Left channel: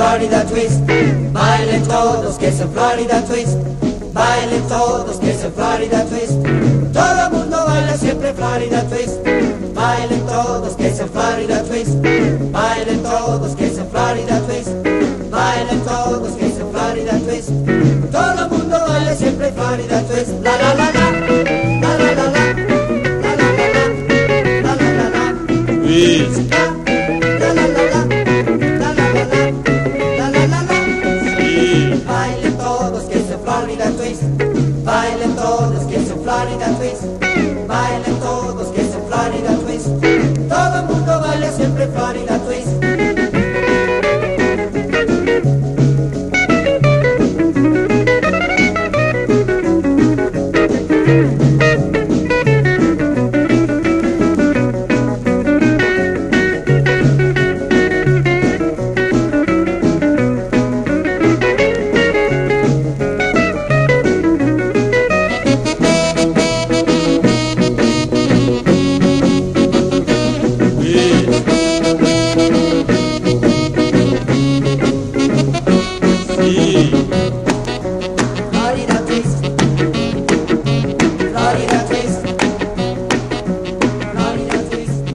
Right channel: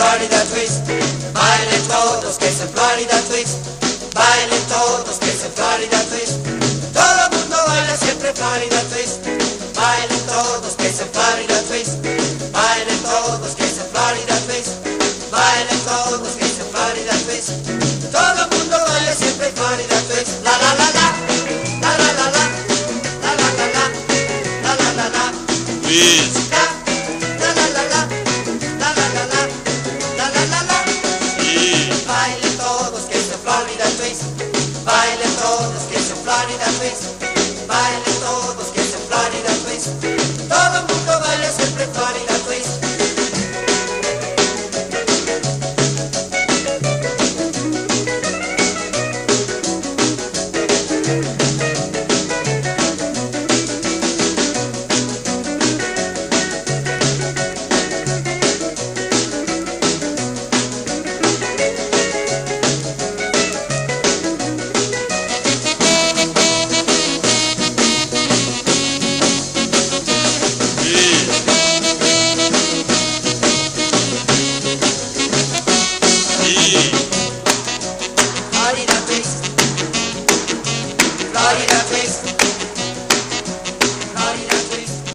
Florida Twist. Bailen todos que es el Florida Twist. Bailen todos que es el Florida Twist. Todo el mundo baila siempre Florida Twist. Bailen todos que es el Florida Twist. Bailen todos que es el Florida Twist. Bailen todos que es el Florida Twist. Todo el mundo baila siempre Florida Twist. La la la la, la la la la, la la la la, la la la la. Twist. La la la la, la la la la, la la la la. Sí. Bailen todos que es el Florida Twist. Bailen todos que es el Florida Twist. Bailen todos que es el Florida Twist. Todo el mundo baila siempre Florida Twist. Sí.